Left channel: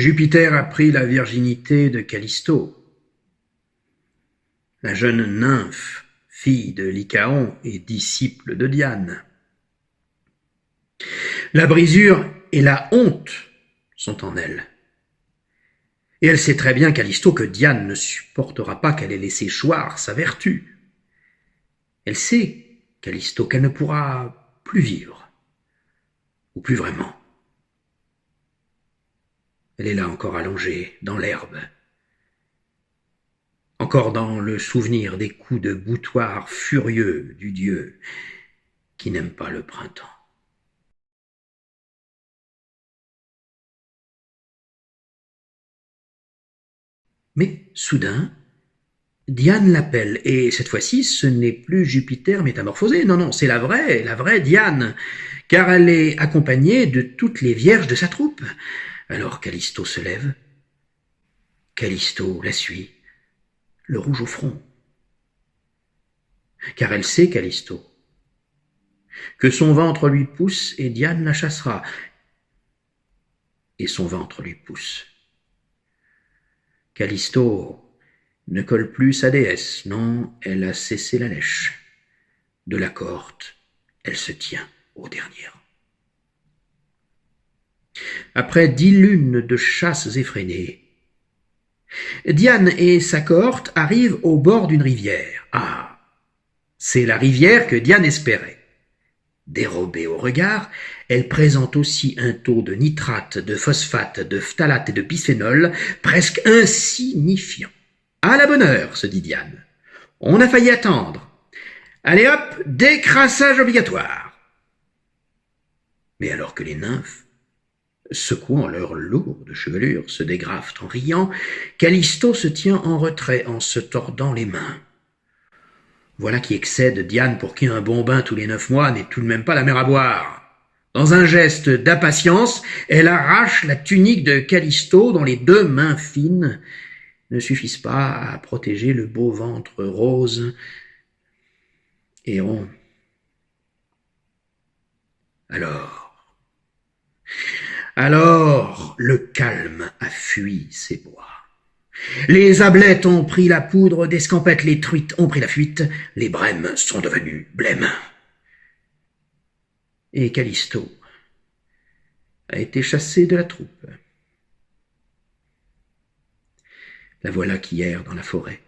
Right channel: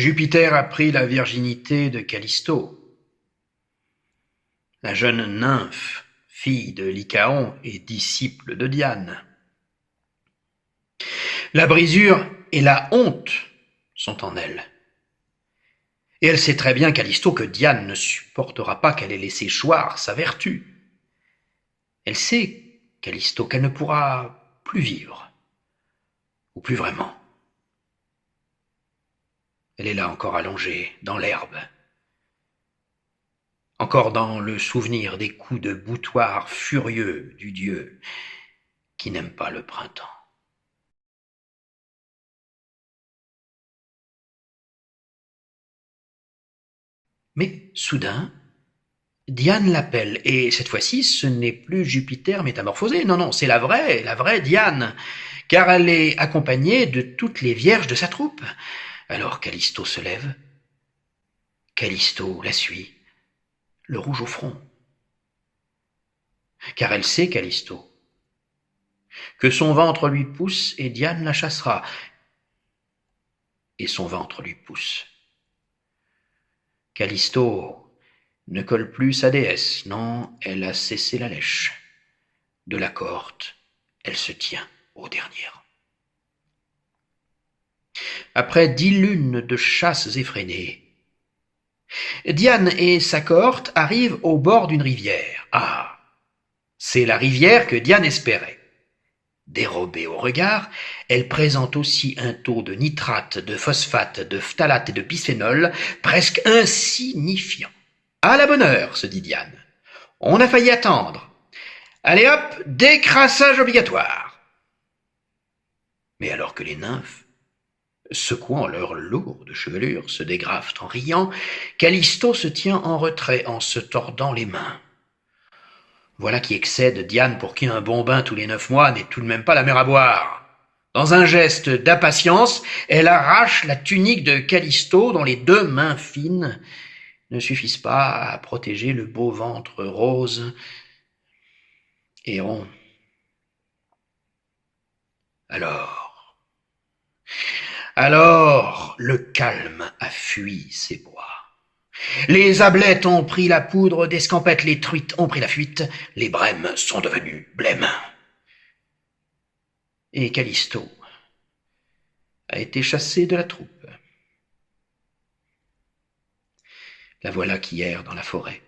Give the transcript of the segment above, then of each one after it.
Jupiter a pris la virginité de Callisto. La jeune nymphe, fille de Lycaon et disciple de Diane. La brisure et la honte sont en elle. Et elle sait très bien, Callisto, que Diane ne supportera pas qu'elle ait laissé choir sa vertu. Elle sait, Callisto, qu'elle ne pourra plus vivre, ou plus vraiment. Elle est là encore allongée, dans l'herbe, encore dans le souvenir des coups de boutoir furieux du dieu qui n'aime pas le printemps. Mais soudain, Diane l'appelle, et cette fois-ci, ce n'est plus Jupiter métamorphosé, non, c'est la vraie Diane, car elle est accompagnée de toutes les vierges de sa troupe. Alors Callisto se lève. Callisto la suit, le rouge au front. Car elle sait, Callisto, que son ventre lui pousse et Diane la chassera. Et son ventre lui pousse. Callisto ne colle plus sa déesse, non, elle a cessé la lèche. De la corde, elle se tient aux dernières. Après 10 lunes de chasses effrénées, Diane et sa cohorte arrivent au bord d'une rivière. Ah, c'est la rivière que Diane espérait. Dérobée au regard, elle présente aussi un taux de nitrate, de phosphate, de phtalate et de bisphénol presque insignifiant. À la bonne heure, se dit Diane. On a failli attendre. Allez hop, décrassage obligatoire. Mais alors que les nymphes, secouant leur lourde chevelure, se dégrafent en riant, Callisto se tient en retrait en se tordant les mains. Voilà qui excède Diane, pour qui un bon bain tous les 9 mois n'est tout de même pas la mer à boire. Dans un geste d'impatience, elle arrache la tunique de Callisto, dont les 2 mains fines ne suffisent pas à protéger le beau ventre rose et rond. Alors, le calme a fui ces bois. Les ablettes ont pris la poudre d'escampette, les truites ont pris la fuite, les brèmes sont devenues blêmes. Et Callisto a été chassé de la troupe. La voilà qui erre dans la forêt.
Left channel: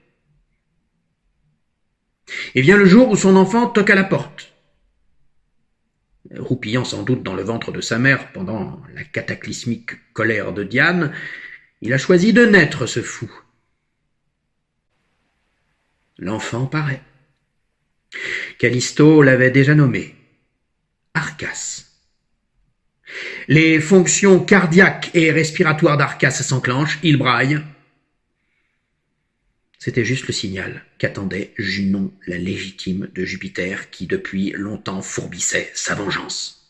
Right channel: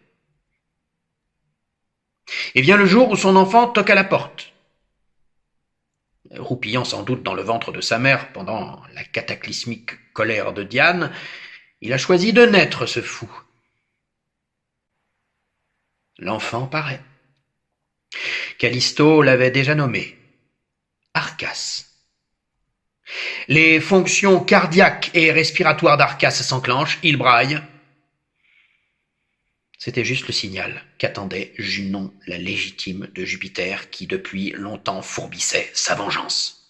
Et vient le jour où son enfant toque à la porte. Roupillant sans doute dans le ventre de sa mère pendant la cataclysmique colère de Diane, il a choisi de naître, ce fou. L'enfant paraît. Callisto l'avait déjà nommé Arcas. Les fonctions cardiaques et respiratoires d'Arcas s'enclenchent, il braille. C'était juste le signal qu'attendait Junon, la légitime de Jupiter, qui depuis longtemps fourbissait sa vengeance.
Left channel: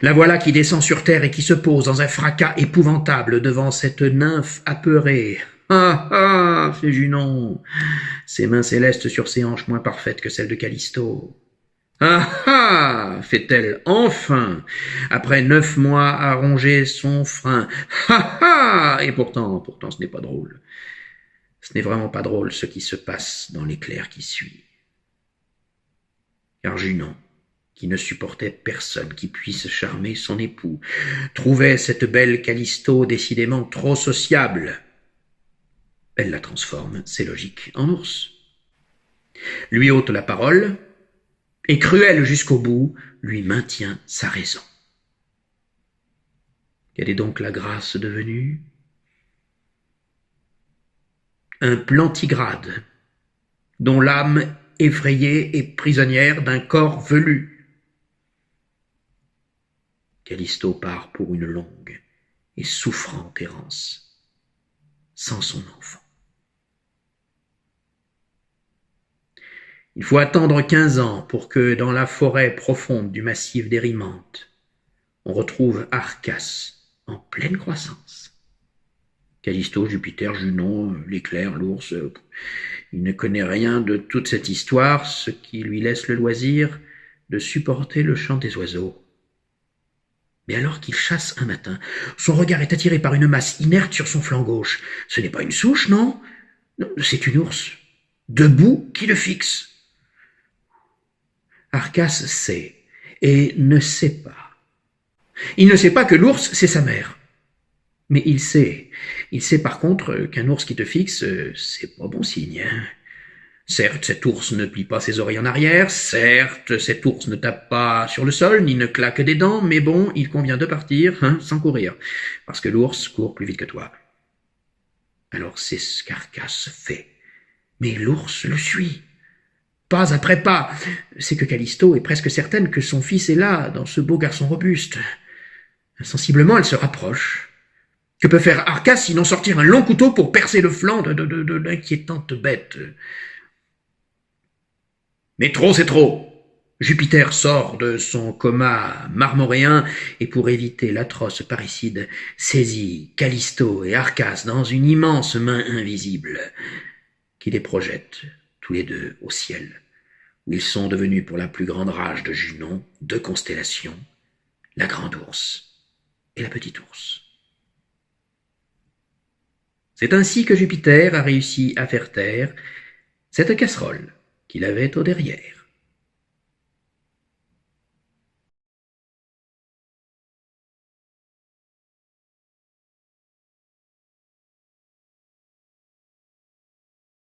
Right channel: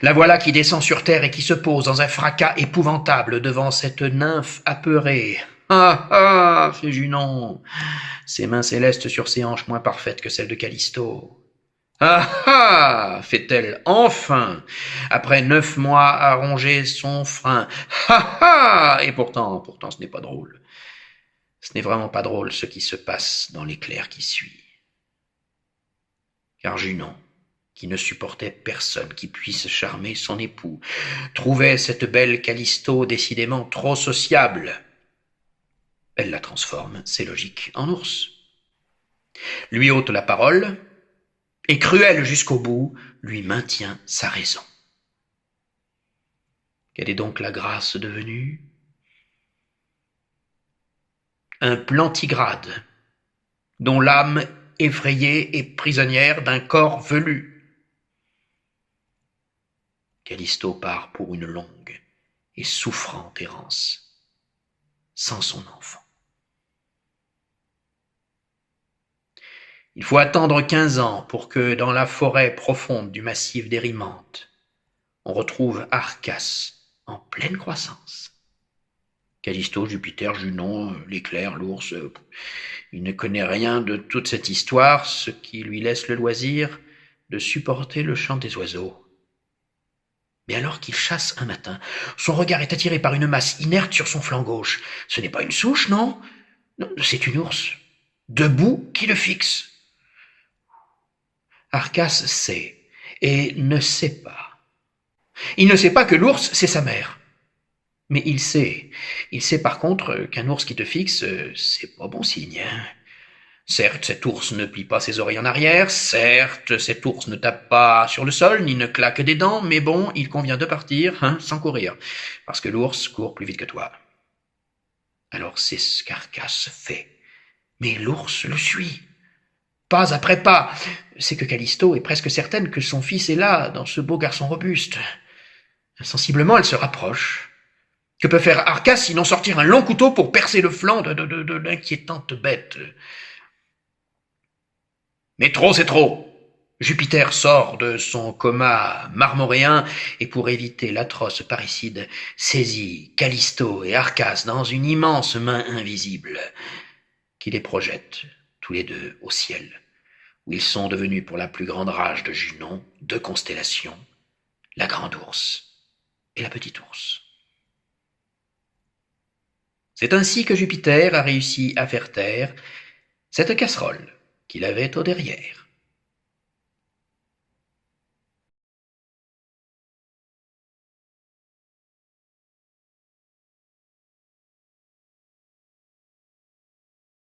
La voilà qui descend sur terre et qui se pose dans un fracas épouvantable devant cette nymphe apeurée. « Ah ah !» fait Junon, ses mains célestes sur ses hanches moins parfaites que celles de Callisto. « Ah ah !» fait-elle enfin, après 9 mois à ronger son frein. « Ah ah !» Et pourtant, ce n'est pas drôle. Ce n'est vraiment pas drôle ce qui se passe dans l'éclair qui suit. Car Junon, qui ne supportait personne qui puisse charmer son époux, trouvait cette belle Callisto décidément trop sociable. Elle la transforme, c'est logique, en ours. Lui ôte la parole, et cruelle jusqu'au bout, lui maintient sa raison. Quelle est donc la grâce devenue ? Un plantigrade, dont l'âme effrayée est prisonnière d'un corps velu. Callisto part pour une longue et souffrante errance, sans son enfant. Il faut attendre 15 ans pour que, dans la forêt profonde du massif d'Érimante, on retrouve Arcas en pleine croissance. Callisto, Jupiter, Junon, l'éclair, l'ours, il ne connaît rien de toute cette histoire, ce qui lui laisse le loisir de supporter le chant des oiseaux. Mais alors qu'il chasse un matin, son regard est attiré par une masse inerte sur son flanc gauche. Ce n'est pas une souche, non? Non, c'est une ours, debout, qui le fixe. Arcas sait, et ne sait pas. Il ne sait pas que l'ours, c'est sa mère. Mais il sait par contre qu'un ours qui te fixe, c'est pas bon signe. Hein. Certes, cet ours ne plie pas ses oreilles en arrière, certes, cet ours ne tape pas sur le sol, ni ne claque des dents, mais bon, il convient de partir, hein, sans courir, parce que l'ours court plus vite que toi. Alors c'est ce qu'Arcas fait. Mais l'ours le suit. Pas après pas. C'est que Callisto est presque certaine que son fils est là, dans ce beau garçon robuste. Insensiblement, elle se rapproche. Que peut faire Arcas sinon sortir un long couteau pour percer le flanc de l'inquiétante bête? Mais trop, c'est trop. Jupiter sort de son coma marmoréen et pour éviter l'atroce parricide, saisit Callisto et Arcas dans une immense main invisible qui les projette tous les deux au ciel, où ils sont devenus pour la plus grande rage de Junon deux constellations, la grande ours et la petite ours. C'est ainsi que Jupiter a réussi à faire taire cette casserole qu'il avait au derrière.